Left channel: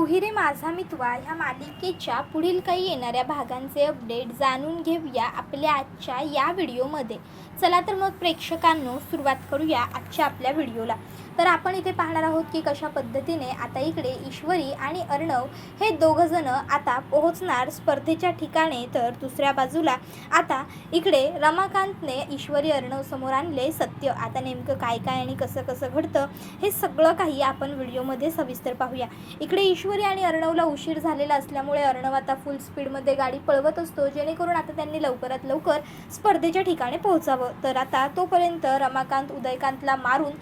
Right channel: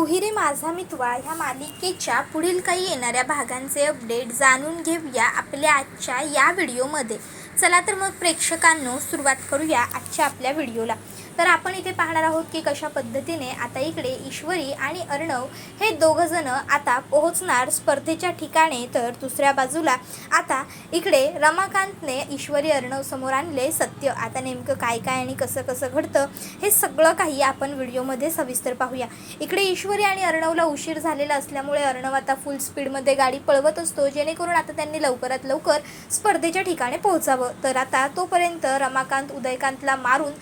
तू ही रे माझा मितवा ह्या मालिकेच्या पुढील काही येणाऱ्या भागांचे अपडेट जाणून घेऊया आपल्या आजच्या या व्हिडिओमध्ये. चला तर मग प्रेक्षकांनो सुरुवात करूया आजच्या आपल्या व्हिडिओला. तर आपण इथे पाहणार आहोत की कशा पद्धतीने आता इकडे ईश्वरी आणि अर्णव हे दोघंजण आता पोहोचणार स्पर्धेच्या ठिकाणी. तर दुसऱ्या बाजूला आता इकडे रमाकांतने ईश्वरी अर्णव समोर आणले सत्य. आता नेमकं काय काय आणि कसं कसं घडतं हे सगळं काही आपण व्हिडिओमध्ये सविस्तर पाहूया. इकडे ईश्वरी आणि अर्णवला उशीर झालेला असल्यामुळे अर्णव आता फुल स्पीडमध्ये गाडी पळवत असतो जेणेकरून आता त्यांनी लवकरात लवकर स्पर्धेच्या ठिकाणी पोहोचावं. तर आता तोपर्यंत रमाकांत उदयकांतला मारून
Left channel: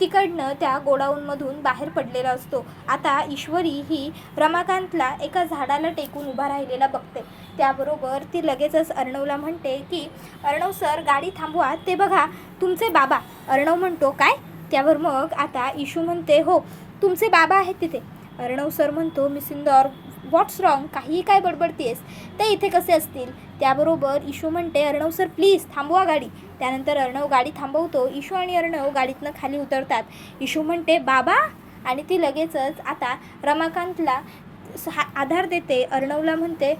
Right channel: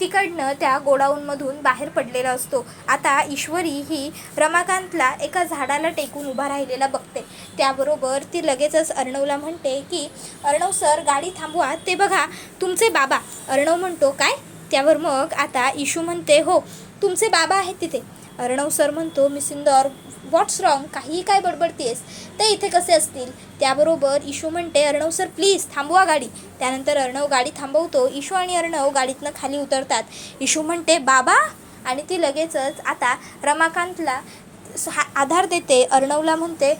तिकडनं त्या गोडाऊनमधून बाहेर पडलेला असतो. आता ईश्वरी ही रमाकांतला एका झाडाला टेकून उभा राहिलेला बघते. त्याबरोबर ती लगेचच अर्णवला म्हणते की अर्णव सर गाडी थांबवा, ते बघा तुमचे बाबा. अर्णव म्हणतो काय? त्यावर मग आता इशू म्हणते हो तुमचे बाबा आहेत तिथे. अर्णव सर म्हणतो मिस इंदौर व्हॉट्स रॉंग, काहीही काय बडबडतेस, ते इथे कसे असतील. त्याबरोबर इशू म्हणते अर्णव सर प्लीज थांबवा गाडी. त्यानंतर अर्णव गाडी थांबवतो. इशू आणि अर्णव गाडीतनं खाली उतरतात. इशू म्हणते बाबा आणि ती लगेचच आता रमाकांतला आधार देते. अर्णवला म्हणते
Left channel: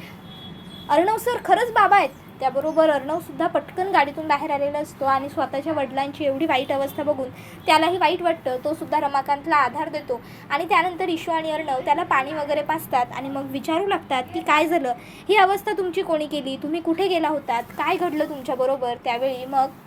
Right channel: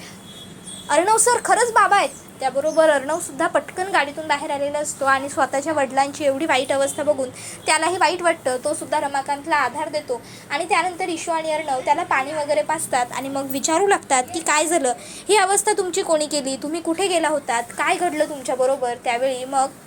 अर्णव सर खरंच बाबा आहेत. त्याबरोबर अर्णवसुद्धा पटकन गाडीतून बाहेर आलेला असतो आणि स्वतःच्या वडिलांची एवढी वाईट अवस्था बघून त्यालाही वाईट वाटतं. तो सुद्धा रमाकांतला आधार देतो आणि त्यानंतर इशू आणि अर्णव त्याला पाणी वगैरे पाजतात आणि मग विचारू लागतात की काय झालं, ही अवस्था तुमची कोणी केली, तुम्ही कुठे गेला होतात, काय घडलं तुमच्याबरोबर. त्यावेळी मग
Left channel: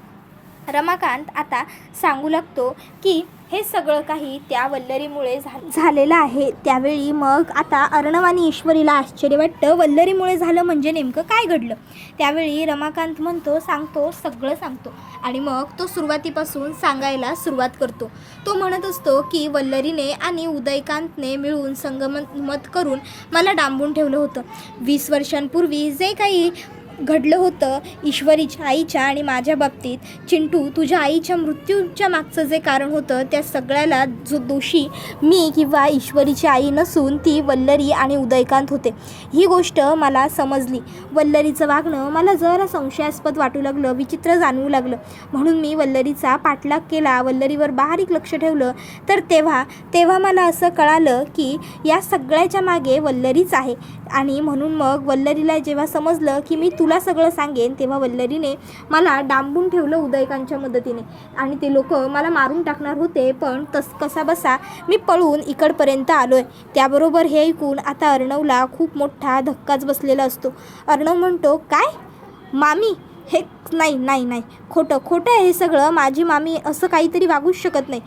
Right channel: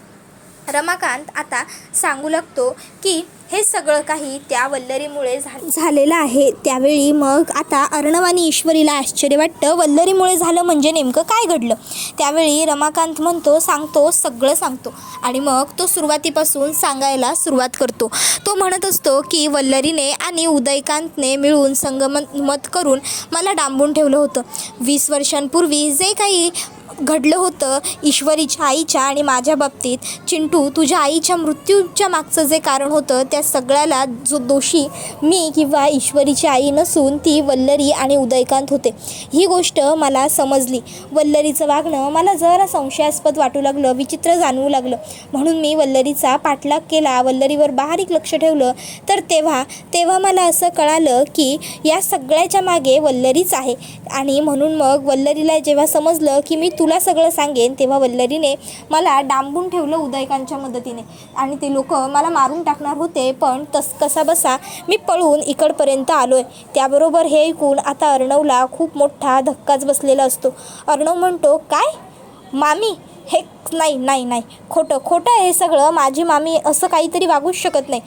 रमाकांत आता सांगू लागतो की हे सगळं काही त्या वल्लरीमुळे झालेलं आहे. त्यावेळी मग आता अर्णव आणि ईश्वरीला आश्चर्य वाटतं, वल्लरीमुळे झालं म्हणजे नेमकं काय घडलं. त्यावेळी रमाकांत म्हणतो सांगतो, सगळं सांगतो आणि मग तो सुरुवातीपासून सांगायला सुरुवात करतो. तो म्हणत असतो की वल्लरीने आणि उदयकांतने मिळून संगमत करून मला डांबून ठेवलं होतं. 20 वर्षांपूर्वी जे काही घडलं होतं ईश्वरीच्या आईच्या आणि माझ्या बाबतीत, चिंटू तुझ्या आईच्या मृत्यूच्या मागचं जे कारण होतं त्या सगळ्याला जो दोषी मी किंवा ईश्वरीची आई नसून ती वल्लरी आणि उदयकांत होते. ही गोष्ट मला समजली. वल्लरीचं वागणं मला जरा संशयास्पद वाटू लागलं, विचित्र जाणवू लागलं. म्हणून मी वल्लरीचा पाठलाग केला, वल्लरीवर बारीक लक्ष ठेवलं. तर तेव्हा मला असं कळालं की या सगळ्याच्या मागे वल्लरीच आहे. आणि म्हणून मग वल्लरीला जेव्हा समजलं की मी तुला सगळं सांगेन तेव्हा वल्लरीने मला डांबून ठेवलं उदयकांच्या मदतीने आणि ते लोक मला मारून टाकणार होते. पण कसा बसा मी पळून इकडपर्यंत आलोय. त्याबरोबर हे ऐकून आता अर्णवला खूप मोठा धक्काच बसलेला असतो. अर्णव म्हणतो काय मामी, हे नाही खोटं आहे हे सगळं, माझी मामी असं काहीतरी वागूच शकत नाही.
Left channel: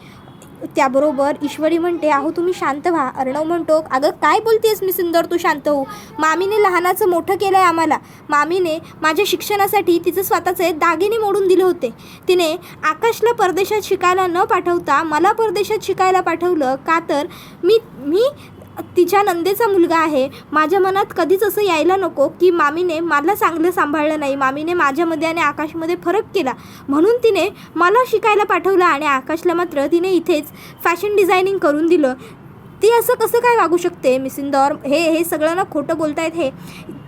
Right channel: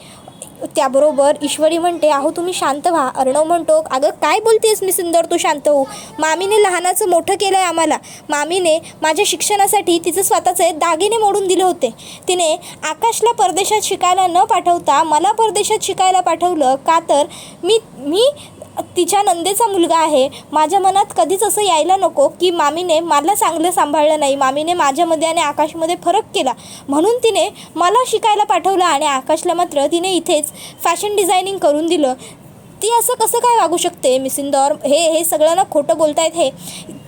त्याबरोबर ईश्वरी म्हणते अहो तुम्ही शांत व्हा. अर्णव म्हणतो अगं काय बोलतेस मी सुंदर, तू शांत हो. मामीने लहानाचं मोठं केलं आहे आम्हाला. मामीने माझ्या शिक्षणासाठी तिचं स्वतःचे दागिने मोडून दिले होते. तिने आकाशला परदेशात शिकायला न पाठवता मला परदेशात शिकायला पाठवलं. का तर मी तिच्या नंदेचा मुलगा आहे. माझ्या मनात कधीच असं यायला नको की मामीने मला चांगलं सांभाळलं नाही, मामीने माझ्यामध्ये आणि आकाशमध्ये फरक केला म्हणून तिने मला शिकायला पाठवलं आणि आकाशला मात्र तिने इथेच फॅशन डिझायनिंग करून दिलं. ती असं कसं काय वागू शकते मिस इंदौर, हे सगळं ना खोटं बोलतायत. हे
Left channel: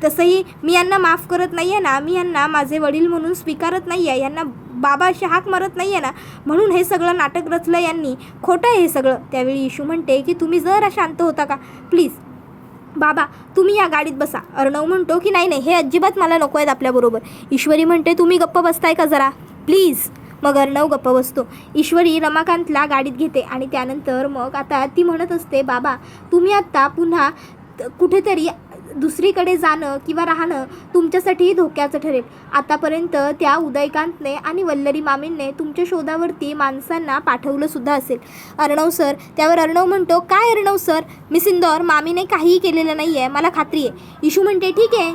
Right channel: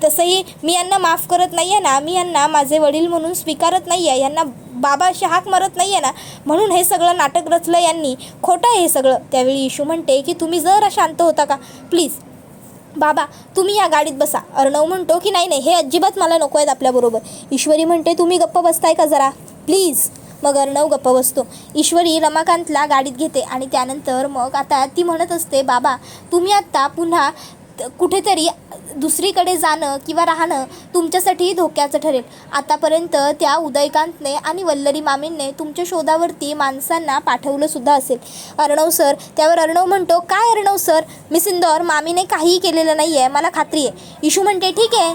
तसंही मी यांना माफ करत नाही आहे ना, मी यांना माझे वडील म्हणून स्वीकारत नाही आहे, यांना बाबा अशी हाक मारत नाही आहे ना, म्हणून हे सगळं नाटक रचलं यांनी, खोटं आहे हे सगळं. त्यावेळी इशू म्हणते की तुम्ही जरा शांत होता का प्लीज. बाबा तुम्ही या गाडीत बसा. अर्णव म्हणतो की नाही हे अजिबात मला नको आहेत आपल्याबरोबर. ईश्वरी म्हणते तुम्ही गप्प बसताय का जरा प्लीज. मग अर्णव गप्प बसतो. ईश्वरी रमाकांतला गाडीत घेते आणि त्यानंतर मग आता ती म्हणत असते बाबा तुम्ही आत्ता पुन्हा कुठेतरी दुसरीकडे जाणं किंवा राहणं तुमच्यासाठी धोक्याचं ठरेल. आतापर्यंत त्या उदयकांतने आणि वल्लरी मामींनी तुमच्या शोधावरती माणसांना पाठवलं सुद्धा असेल. अर्णव सर. त्यावर अर्णव म्हणतो काय अर्णव सर, मिस इंदौर मामीने काहीही केलेलं नाही आहे, मला खात्री आहे. इशू म्हणते ठीक आहे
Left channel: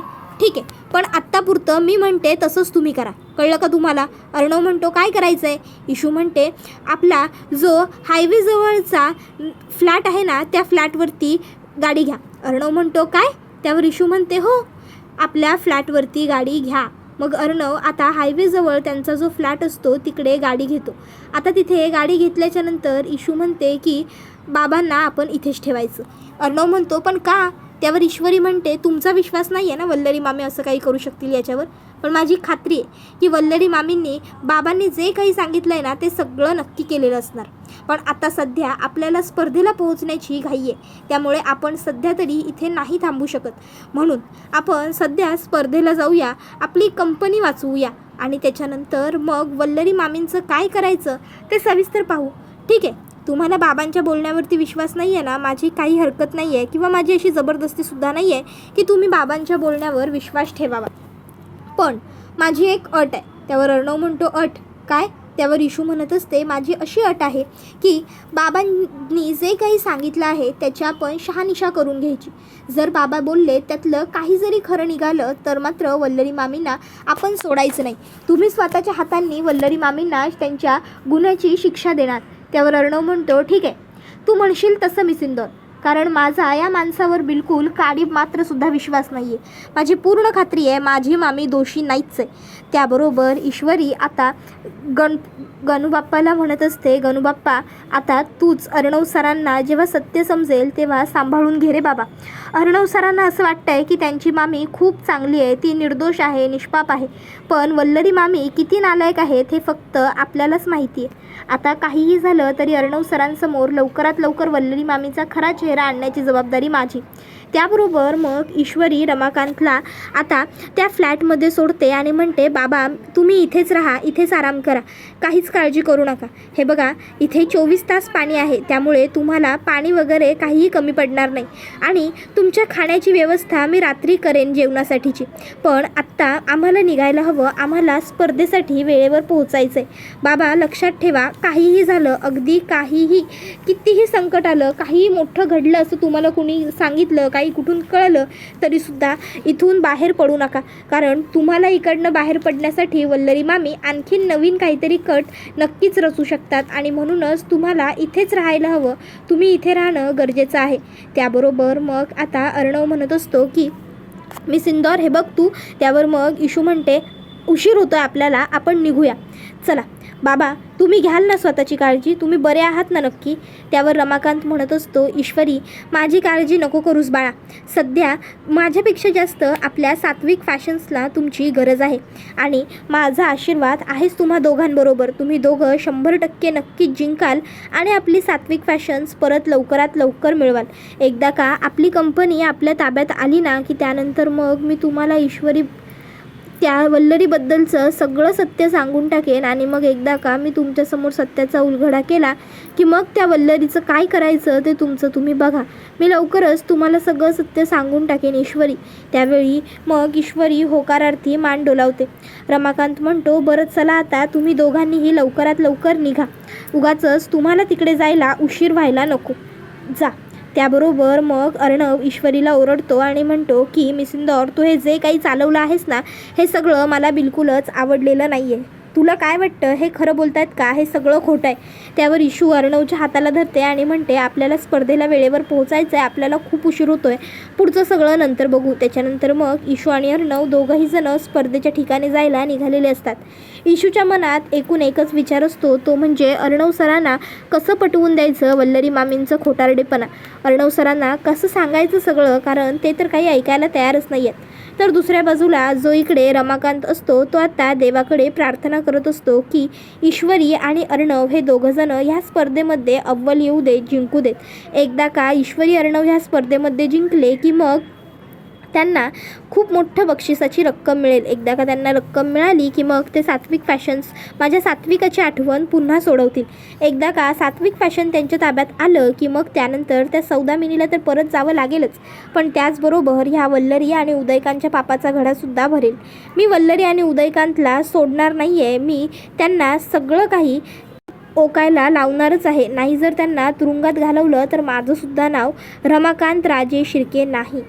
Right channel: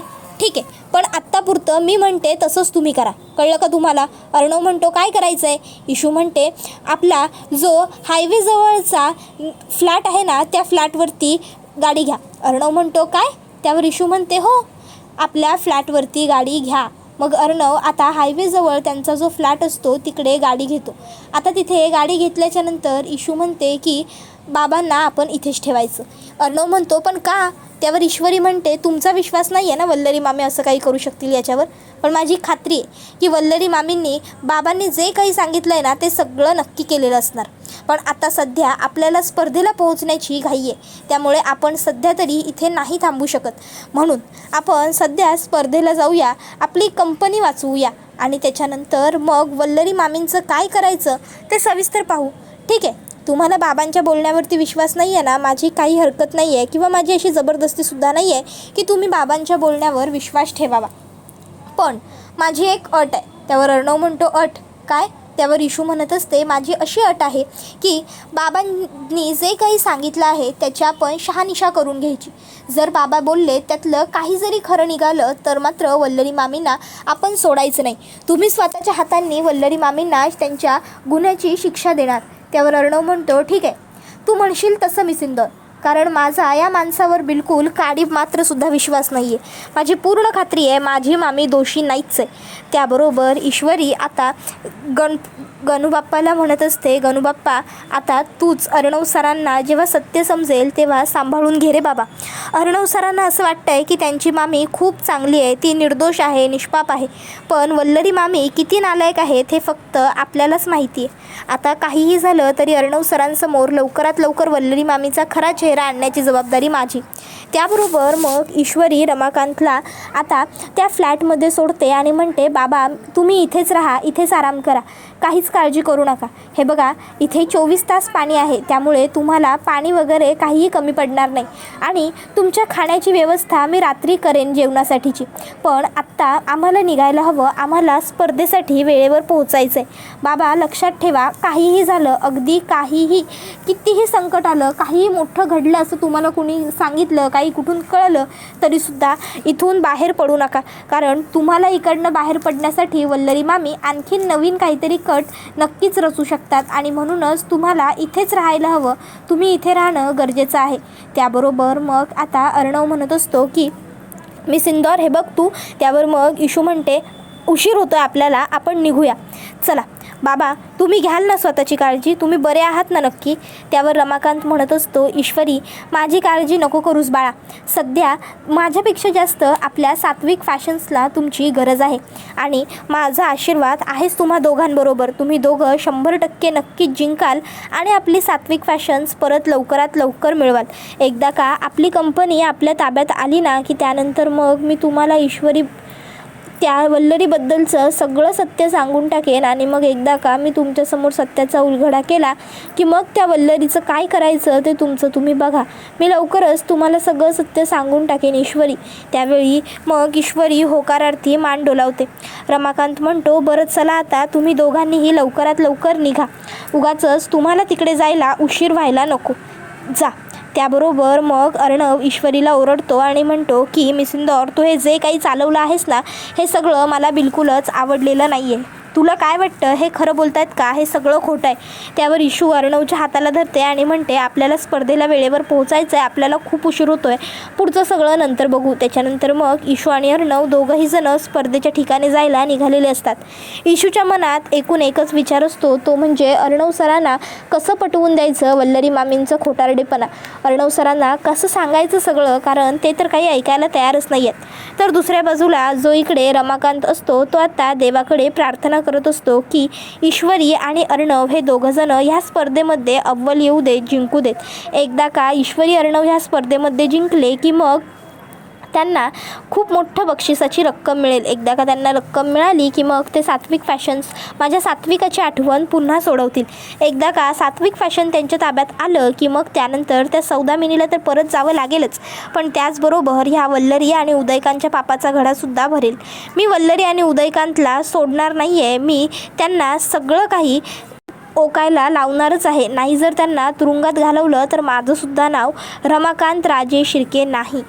पण आत्तापुरतं मी म्हणते तसंच तुम्ही करा, कळलं का तुम्हाला. अर्णव म्हणतो काय करायचं आहे. इशू म्हणते आपला जो हायवेजवळचा फ्लॅट आहे ना त्या फ्लॅटवरती गाडी घ्या. अर्णव म्हणतो काय. त्यावर इशू म्हणते हो आपल्या फ्लॅटवरती गाडी घ्या. मग अर्णव आता हायवेजवळ त्यांचा जो फ्लॅट असतो तिकडे गाडी घेतो. आता तिथे गाडी घेतल्याच्यानंतर इशू म्हणते की बाबांना आपण इथेच ठेवायचं. अर्णव म्हणतो पण का? त्यावर ईश्वरी म्हणते तुमचा विश्वास नाही आहे ना वल्लरी मामी असं काही करू शकतील याच्यावर, पण माझी खात्री आहे की वल्लरी मामींनी बाबांनी जे काही सांगितलं आहे ना ते सगळं नक्की केलेलं असणार. पण आता सध्या आपल्याला स्पर्धेला पोहोचण्याची घाई आहे, त्यामुळे आपण सध्या तरी इथे नाही थांबू शकत. म्हणून आपण सध्या स्पर्धेला जाऊया, आपली कंपनी वाचवूया आणि त्याच्यानंतर मग वल्लरी मामींचं काय करायचं ते सविस्तर पाहू. ठीक आहे, तुम्हाला बाबांच्या बोलण्यावरती विश्वास नाही आहे ना, माझी काही हरकत नाही आहे किंवा माझी अशी जबरदस्तीसुद्धा नाही आहे की तुम्ही बाबांच्या बोलण्यावर विश्वास ठेवावा. पण माझी एक अट आहे. त्यावर अर्णव म्हणतो अट काय? त्यावर इशू म्हणत असते माझी अशी अट आहे की बाबांनी जे काही सांगितलं आहे त्याच्या आपण शहानिशा करून घ्यायची. जर बाबा बोलले त्यातलं काही जरी खरं निघालं तर मात्र वल्लरी मामींना आपण सोडायचं नाही. तुम्ही स्वतःच्या हातांनी वल्लरी मामींना त्यांच्या गुन्ह्याची शिक्षा देणार. त्यावर अर्णव म्हणतो ठीक आहे, तू म्हणशील तसं मिसिंदर, कारण माझा या माणसावर बिलकुल काडी मात्रसुद्धा विश्वास नाही आहे. माझी पूर्ण खात्री आहे माझी मामी दोषी नाहीच आहे. त्याबरोबर ईश्वरी आता गणूबाप्पाला म्हणत असते गणूबाप्पा आता तूच अर्णव सरांना जेव्हा सत्य समजेल तेव्हा सांभाळून घे रे बाबा. अर्णव सरांना असं वाटतं आहे की त्यांची मामी खूप चांगली आहे, ती निर्दोष आहे, निष्पाप आहे. पण वल्लरी मामी किती नालायक आहेत हे फक्त आपल्यालाच माहिती आहे. आता काहीही झालं तरी अर्णव सरांसमोर लवकरात लवकर वल्लरी मामीचा खरा चेहरा आणण्याची जबाबदारी माझी. त्याबरोबर मग ईश्वरी रमाकांतला आता त्या फ्लॅटमध्ये सोडते आणि म्हणते बाबा तुम्ही इथेच राहा, इथेच आराम करा, काहीच काळजी करू नका. हे बघा इथे 24 तास पाणी आहे, त्यामुळे तुम्हाला पाणी वगैरे काहीही कमी पडणार नाही आणि तुमच्या खाण्याची व्यवस्था मी रात्री करेन जेवणासाठीची. पण आत्ता आम्हाला निघायला हवं, आम्हाला स्पर्धेसाठी वेळेवर पोहोचायचं आहे. बाबा लक्षात ठेवा काहीही झालं, अगदी काहीही कितीही संकट आलं, काहीही मोठं घडलं असं तुम्हाला कुणी सांगितलं, काही कुठून कळलं तरीसुद्धा इथून बाहेर पडू नका, कारण तुम्हाला इकडनं बाहेर पडण्यासाठी वल्लरी मामी आणखीन नवीन काहीतरी कट नक्कीच रचू शकतात आणि म्हणूनच तुम्हाला इथेच राहायला हवं, तुम्ही इथे राहणं गरजेचं आहे. त्याबरोबर मग आता अर्णव म्हणत असतो की मिसिंदर हे बघ तू. त्यावर मग इशू म्हणते उशीर होतो आपल्याला, आपण निघूया चला. बाबा तुम्ही घ्याल ना स्वतःची काळजी, तुम्ही बरे आहात ना नक्की? त्यावर रमाकांत म्हणत असतो ईश्वरी माझी काळजी नको करूस बाळा, सध्या माझ्यापेक्षा जास्त आपल्या सात्विक फॅशन्सला तुमची गरज आहे आणि माझा आशीर्वाद आहेच तुम्हा दोघांबरोबर. तुम्ही दोघं 100% नक्कीच जिंकाल आणि आपली सात्विक फॅशन्स परत लवकरात लवकर मिळवाल. एकदा का आपली कंपनी आपल्या ताब्यात आली ना की त्यानंतर मग मी तुम्हाला ईश्वरी त्या वल्लरीबद्दलचं सगळं सत्य सांगून टाकेन आणि मग एकदा का मी तुमच्यासमोर सत्याचा उलगडा केला की मग त्या वल्लरीचं काय करायचं ते तुमचं तुम्ही बघा. मी लवकरच तुम्हाला सगळं सत्य सांगून टाकेन ईश्वरी. त्यावेळी मग ईश्वरी होकारार्थी मान डोलावते. रमाकांत म्हणतो बरं चला आता तुम्ही दोघांनीही लवकरात लवकर निघा, उगाचच तुम्हाला तिकडे जायला उशीर व्हायला नको, जा. त्याबरोबर मग अर्णव ईश्वरीला ओरडतो आणि म्हणतो की मिसिंदर तू हे जे काही चालवलं आहेस ना हे सगळं मला बिलकुलच आवडलेलं नाही आहे. तुला काय वाटतं हे खरं बोलतायत का? हे सगळं खोटं आहे. त्यावर इशू अर्णवच्या हाताला धरते आणि म्हणते आपल्याला स्पर्धेला वेळेवर पोहोचायचं आहे, आपल्याला खूप उशीर होतो आहे, पुढचं सगळं नंतर बघू. त्याच्यानंतर मग इशू आणि अर्णव दोघंही जण स्पर्धेच्या ठिकाणी जायला निघालेले असतात. इशूच्या मनात एकूण एकच विचार असतो, तो म्हणजे अर्णव सरांना कसं पटवून द्यायचं वल्लरी मामींचं खोटारडेपणा, अर्णव सरांना कसं सांगायचं सगळं, कारण ते तर काही ऐकायला तयारच नाही आहेत. तर दुसऱ्या बाजूला जो इकडे रमाकांत असतो तो आता देवाकडे प्रार्थना करत असतो की ईश्वरी आणि अर्णव हे दोघंजण ह्या स्पर्धेमध्ये अव्वल येऊ देत, जिंकू देत. एकदा का ईश्वरी अर्णव ह्या स्पर्धेमध्ये जिंकले की मग त्यांना खूप मोठं बक्षिसाची रक्कम मिळेल. एकदा का त्यांना रक्कम मिळाली की मग ते सात्विक फॅशन्स माझ्या सात्विकाची आठवण पुन्हा सोडवतील. एकदा का सात्विक फॅशन त्यांच्या ताब्यात आलं की मग त्यानंतर त्या सौदामिनीला तर परत जावं लागेलच, पण त्याचबरोबर ह्या वल्लरी आणि उदयकांतच्या पापाचा घडासुद्धा भरेल. मी वल्लरी आणि उदयकांतला सोडणार नाही आहे, मी त्यांना सगळं काही ओकायला लावणारच आहे. नाही जर त्यांना तुरुंगात घालवलं तर माझंसुद्धा नाव रमाकांत राजे शिर्के नाही.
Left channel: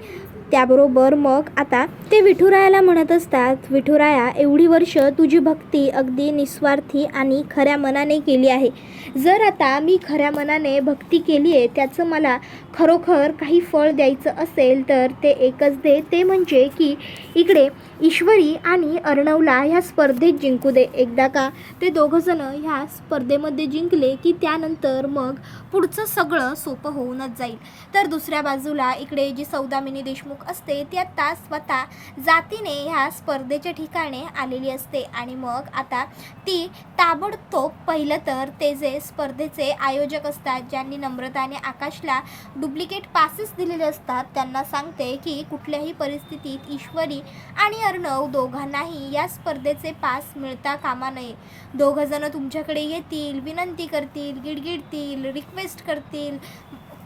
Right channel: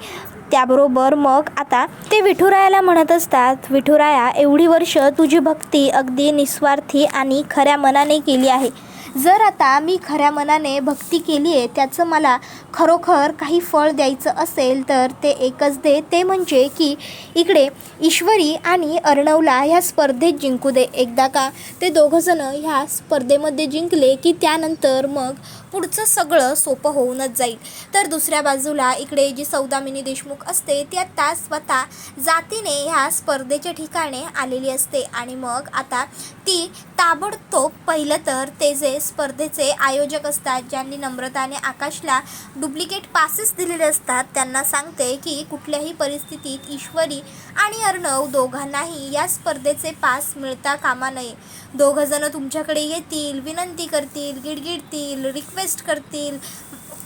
त्याबरोबर मग आता ते विठुरायाला म्हणत असतात विठुराया एवढी वर्ष तुझी भक्ती अगदी निस्वार्थी आणि खऱ्या मनाने केली आहे. जर आता मी खऱ्या मनाने भक्ती केली आहे त्याचं मला खरोखर काही फळ द्यायचं असेल तर ते एकच दे, ते म्हणजे की इकडे ईश्वरी आणि अर्णवला ह्या स्पर्धेत जिंकू दे. एकदा का ते दोघंजणं ह्या स्पर्धेमध्ये जिंकले की त्यानंतर मग पुढचं सगळं सोपं होऊनच जाईल. तर दुसऱ्या बाजूला इकडे जी सौदामिनी देशमुख असते ती आता स्वतः जातीने ह्या स्पर्धेच्या ठिकाणी आलेली असते आणि मग आता ती ताबडतोब पहिलं तर ते जे स्पर्धेचे आयोजक असतात, ज्यांनी नम्रता आणि आकाशला डुप्लिकेट पासेस दिलेले असतात, त्यांना सांगते की कुठल्याही परिस्थितीत ईश्वरी आणि अर्णव दोघांनाही या स्पर्धेचे पास मिळता कामा नये. दोघंजणं तुमच्याकडे येतील, विनंती करतील, गिडगिडतील, रिक्वेस्ट करतील,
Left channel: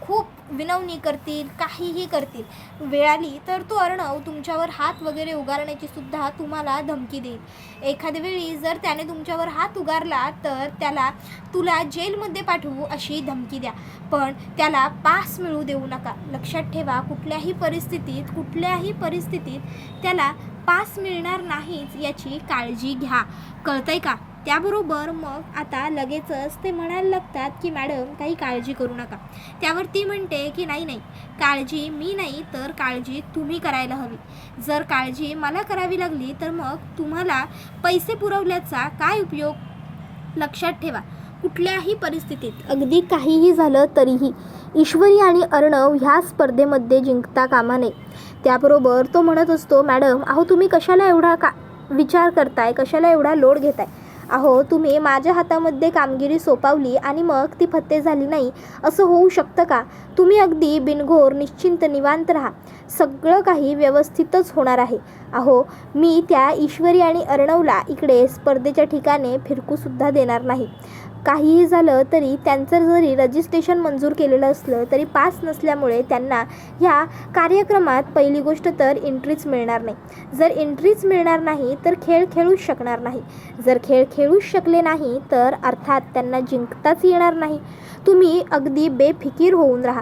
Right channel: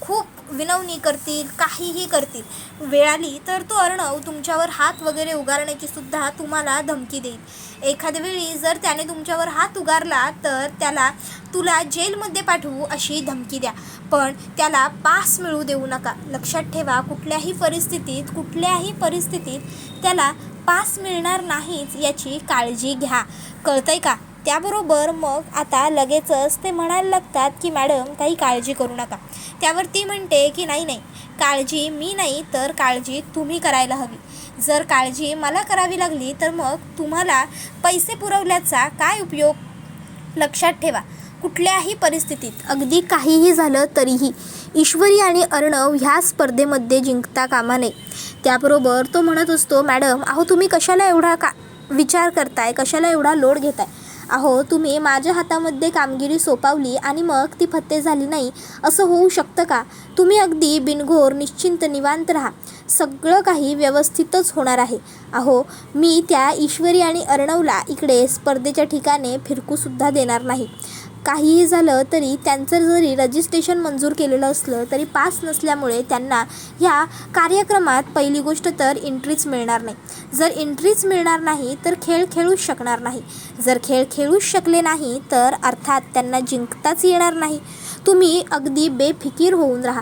खूप विनवणी करतील, काहीही करतील. वेळ आली तर तो अर्णव तुमच्यावर हात वगैरे उगारण्याची सुद्धा तुम्हाला धमकी देईल. एखाद्या वेळी जर त्याने तुमच्यावर हात उगारला तर तुला जेलमध्ये पाठवू अशी धमकी द्या, पण त्याला पास मिळू देऊ नका. लक्षात ठेवा, कुठल्याही परिस्थितीत त्याला पास मिळणार नाहीच याची काळजी घ्या. कळतंय का? त्याबरोबर मग आता लगेचच ते म्हणायला लागतात की मॅडम काही काळजी करू नका. त्यावर ती म्हणते की नाही, काळजी मी नाही तर काळजी तुम्ही करायला हवी. जर काळजी मला करावी लागली तर मग तुम्हाला पैसे पुरवल्याचा काय उपयोग? लक्षात ठेवा, कुठल्याही परिस्थितीत अगदी काहीही झालं तरीही ईश्वरी आणि अर्णव ह्या स्पर्धेमध्ये जिंकता कामा नये. त्याबरोबर तो म्हणत असतो, मॅडम अहो तुम्ही कशाला एवढा विचार करताय, कशाला एवढा लोड घेताय? अहो तुम्ही माझ्या हातामध्ये कामगिरी सोपवली आणि मग ती फत्ते झाली नाही, असं होऊ शकतं का? तुम्ही अगदी बिनघोर निश्चिंत निवांत राहा, सगळं काही व्यवस्थितच होणार आहे. अहो मी त्या ईश्वरी आणि अर्णवला इकडे स्पर्धेच्या ठिकाणी फिरकूसुद्धा देणार नाही. काहीही झालं तरी त्यांचं जरी रजिस्ट्रेशन मंजूर केलेलं असलं तरी पास नसल्यामुळे त्यांना ह्या कार्यक्रमात पहिली गोष्ट तर एंट्रीच मिळणार नाही. जर एंट्रीच मिळणार नाही तर खेळ खेळूच शकणार नाही. जर खेळ खेळूच शकले नाही तर अर्थात त्यांना जिंकताच येणार नाही. तुम्ही अगदी बेफिकीर होऊन राहा,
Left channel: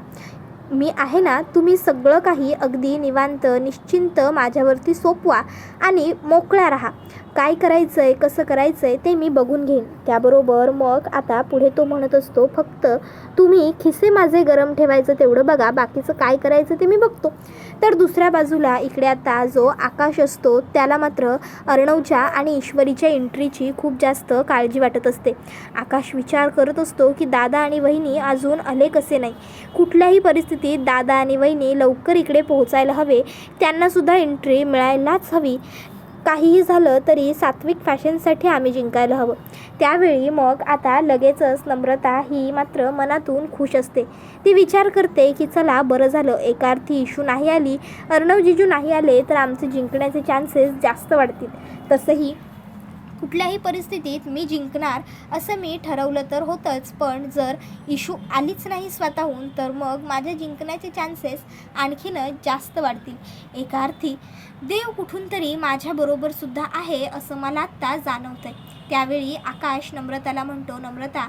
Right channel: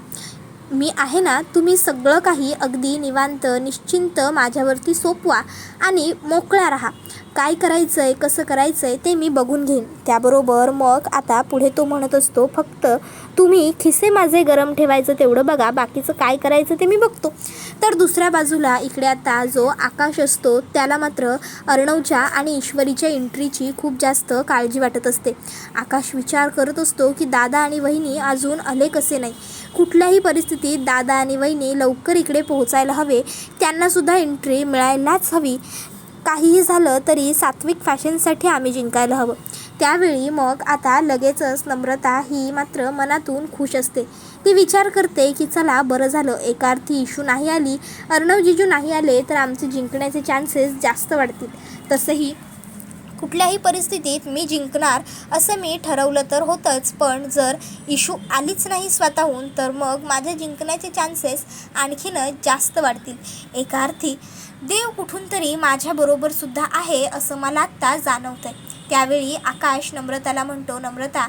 मी आहे ना. तुम्ही सगळं काही अगदी निवांत निश्चिंत माझ्यावरती सोपवा आणि मोकळा राहा. काय करायचं आहे, कसं करायचं आहे ते मी बघून घेईन. त्याबरोबर मग आता पुढे तो म्हणत असतो, फक्त तुम्ही खिसे माझे गरम ठेवायचं तेवढं बघा, बाकीचं काय करायचं ते मी बघतो. तर दुसऱ्या बाजूला इकडे आता जो आकाश असतो त्याला मात्र अर्णवच्या आणि ईश्वरीच्या एंट्रीची खूप जास्त काळजी वाटत असते. आकाश विचार करत असतो की दादा आणि वहिनी अजून आले कसे नाही. कुठल्याही परिस्थितीत दादा आणि वहिनी लवकर इकडे पोहोचायला हवे, त्यांनासुद्धा एंट्री मिळायलाच हवी. काहीही झालं तरी सात्विक फॅशनसाठी आम्ही जिंकायला हवं. त्यावेळी मग आता लगेचच नम्रता ही मात्र मनातून खुश असते. ती विचार करते की चला बरं झालं, एका अर्थी इशू नाही आली, अर्णव जिजू नाही आले तर आमचे जिंकण्याचे चान्सेस जास्त वाढतील. तसंही कुठल्याही परिस्थितीत मी जिंकणार असं मी ठरवलं तर होतंच, पण जर इशू आलीच नाही स्वतःहून तर मग माझ्या जिंकण्याचे चान्सेस आणखीनच जास्त वाढतील. एका अर्थी देव कुठून तरी माझ्याबरोबरसुद्धा आहे असं मला आत्ता जाणवतं आहे. त्यावेळी आकाश नम्रताला म्हणतो, नम्रता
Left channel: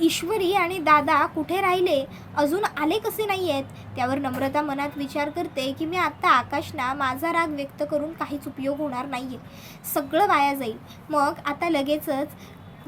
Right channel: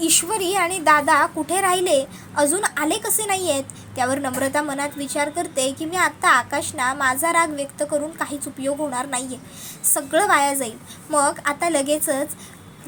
ईश्वरी आणि दादा कुठे राहिले, अजून आले कसे नाही आहेत? त्यावर नम्रता मनात विचार करते की मी आत्ता आकाशना माझा राग व्यक्त करून काहीच उपयोग होणार नाही आहे, सगळं वाया जाईल. मग आता लगेचच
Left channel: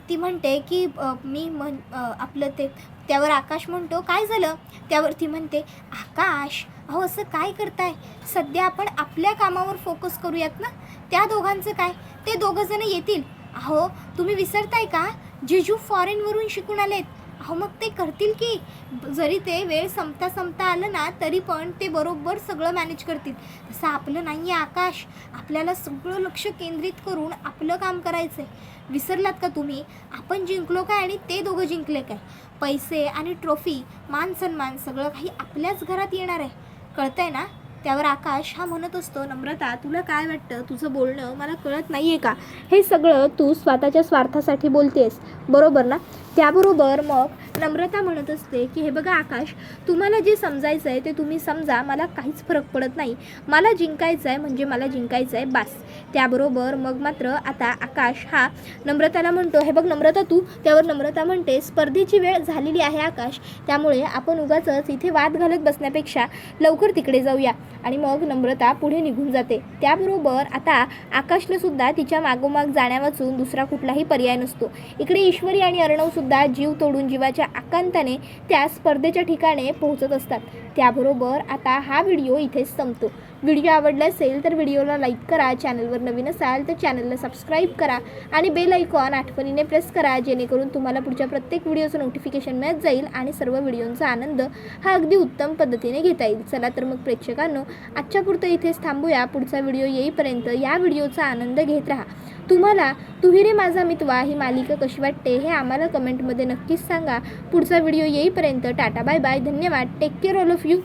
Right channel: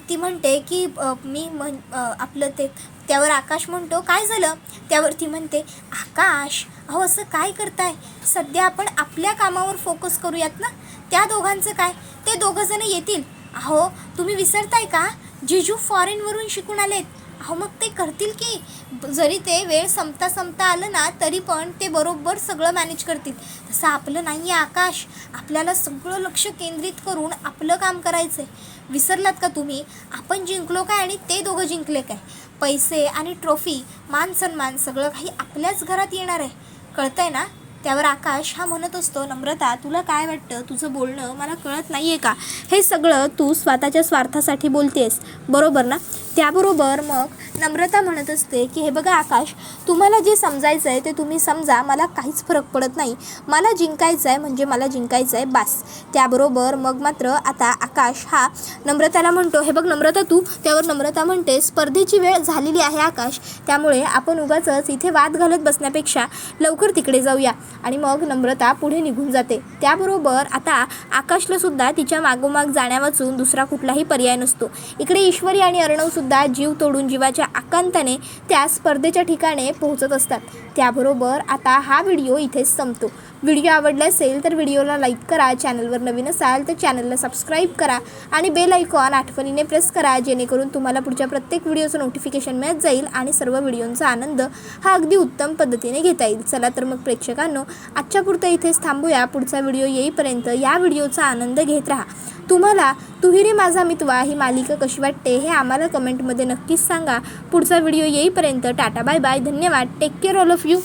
ती म्हणते की आपलं ते. त्यावर आकाश म्हणतो, काय झालं? त्यावर ती म्हणते, आकाश अहो असं काय करताय, सध्या आपण आपल्या कामावर फोकस करूयात ना. त्या दोघांचं काय, ते दोघंजणं येतील. अहो तुम्ही विसरताय का, जिजू फॉरेनवरून शिकून आलेत. अहो मग ते करतील की, जरी ते वेळ संपता आलं ना तरी पण ते बरोबर सगळं मॅनेज करतील. तसं आपलं नाही आहे आकाश, आपल्याला सगळं लक्ष केंद्रित करून आपलं काम करायचं आहे. विसरलात का तुम्ही, आपण जिंकलो काय आणि ते दोघं जिंकले काय? पैसे आणि ट्रॉफी, मान सन्मान सगळं काही आपल्याच घरात येणार आहे, कळतंय ना. त्यावर आकाश हा म्हणत असतो, नम्रता तुला काय वाटतं, तुझं बोलणं मला कळत नाही आहे का? हे सगळं तू स्वतःच्या स्वार्थासाठी बोलतेस बरोबर ना. त्याबरोबर मग नम्रता म्हणत असते की हे बघा आकाश, तुम्हाला जे समजायचं आहे ते तुम्ही समजा, मला काहीच फरक पडत नाही. मला जिंकायचं आहे म्हणजे मला जिंकायचं आहे बास. त्याबरोबर मग मात्र आता आकाश हा नम्रताला म्हणतो, हे बघ नम्रता तू. त्यावर नम्रता म्हणते, स्पर्धेची वेळ झालेली आहे आकाश, त्यामुळे आपण उगाचच इथे वाद घालत बसण्यापेक्षा लवकर तिकडे जाऊया. आणि मग नम्रता पुढे निघून जाते. त्याबरोबर आता आकाशला सुद्धा तिच्या मागोमाग जाण्या वाचून दुसरा कुठलाही पर्याय नसतो. इकडे ईश्वरी आणि अर्णवसुद्धा जीव तोडून जीवाच्या आकांताने त्या स्पर्धेच्या ठिकाणी पोहोचत असतात. त्याबरोबर आता हा व्हिडिओ इथेच संपतो. व्हिडिओ आवडला असेल तर व्हिडिओला लाईक करा, चॅनलवर नवीन असाल तर चॅनलला सबस्क्राईब करा आणि बेल आयकॉन आठवणीने प्रेस करा, जेणेकरून तुम्हाला पुढच्या प्रत्येक व्हिडिओचं नोटिफिकेशन मिळत जाईल आणि सर्व व्हिडिओंचा आनंद हा अगदी उत्तम पद्धतीने घेता येईल. चला तर मग प्रेक्षकांनो, आजच्या पुरतं इथेच थांबूया. पुढचा व्हिडिओ येईपर्यंत या व्हिडिओचा आनंद घेत राहा. तुम्हाला तू ही रे माझा मितवा ही मालिका कशी वाटते हे आम्हाला कमेंटमध्ये नक्कीच सांगा. पुढचा व्हिडिओ येईपर्यंत टाटा बाय बाय, धन्यवाद, take care all of you.